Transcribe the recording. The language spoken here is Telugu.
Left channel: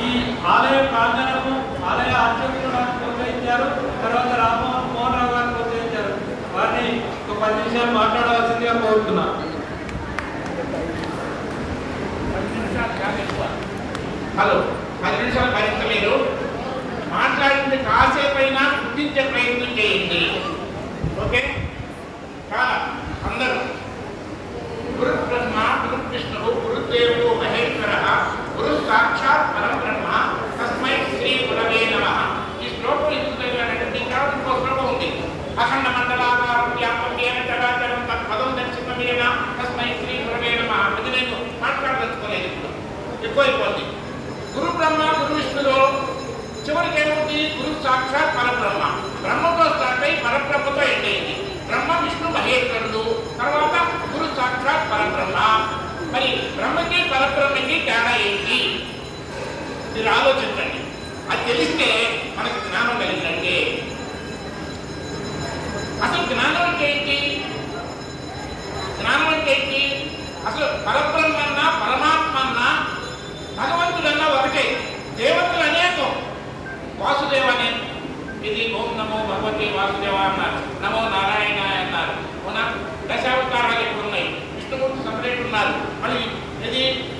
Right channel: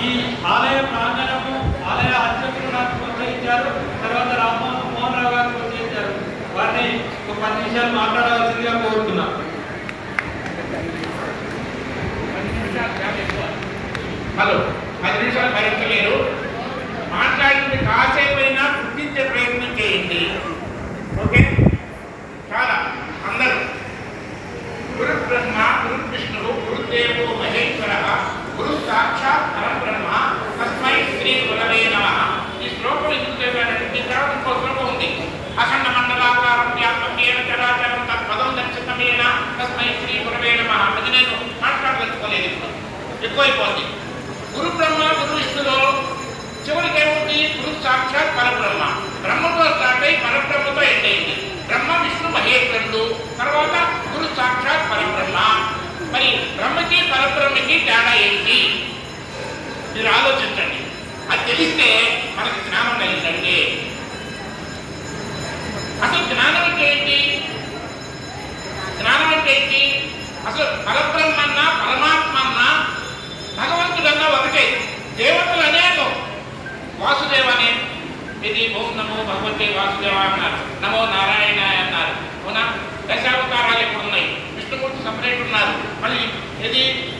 ఈ ఆలయ ప్రాంగణము ఆలయ అర్చకులు నాకు ప్రోత్సహించారు తర్వాత రామ్మోహన్ మోహన్ రావు గారు ప్రోత్సహించారు వారిని ఒక పది నిమిషాలు మాట్లాడవలసిందిగా కోరుతున్నాను హలో పది నిమిషాలు భరించలేరు మాట్లాడింది కాసేపైనా గుర్తించే ప్రయత్నం చేయండి. ఓకే? చాలా అందరూ. గురు బ్రహ్మ గురు విష్ణువు గురుదేవో మహేశ్వర గురు సాక్షాత్ పరబ్రహ్మ తస్మై శ్రీ గురవే నమ తర్వాత ఇంకో శ్లోకం ఉంది. అఖండ మండలాకారం వ్యాపకేన చరాచరం పదం దర్శితమేన తస్మై శ్రీ గురవే నమ అది నేను మాట్లాడదలుచుకోలేదు. ఎక్కువైపోతుంది గురు బ్రహ్మ గురు విష్ణులో చివరికి ఏమవుతుంది గురు సాక్షాత్ పరబ్రహ్మ. బ్రహ్మతో స్టార్ట్ అయి పరబ్రహ్మతో ఎండ్ అయింది. బ్రహ్మ విష్ణు మహేశ్వరుడు తర్వాత గురు సాక్షాత్ పరబ్రహ్మ. మరి బ్రహ్మకి పరబ్రహ్మకి తేడా ఏంటి? మీరు ఆలోచించండి. అది తెలిస్తే అసలు పరబ్రహ్మన్న పరమాత్మన్న భగవంతుడన్న ఒకటే. దేవతలు అనేకం. వాసుదేవనే. ఇది ఓం నమో భగవతి వాసుదేవ అన్నారు. నమో నారాయణ అన్నారు. అవునా? దశావతారాలు ఇప్పుడు ఉన్నాయి. విష్ణుమూర్తి సపరేట్ ఉన్నారు. మళ్ళీ ఇది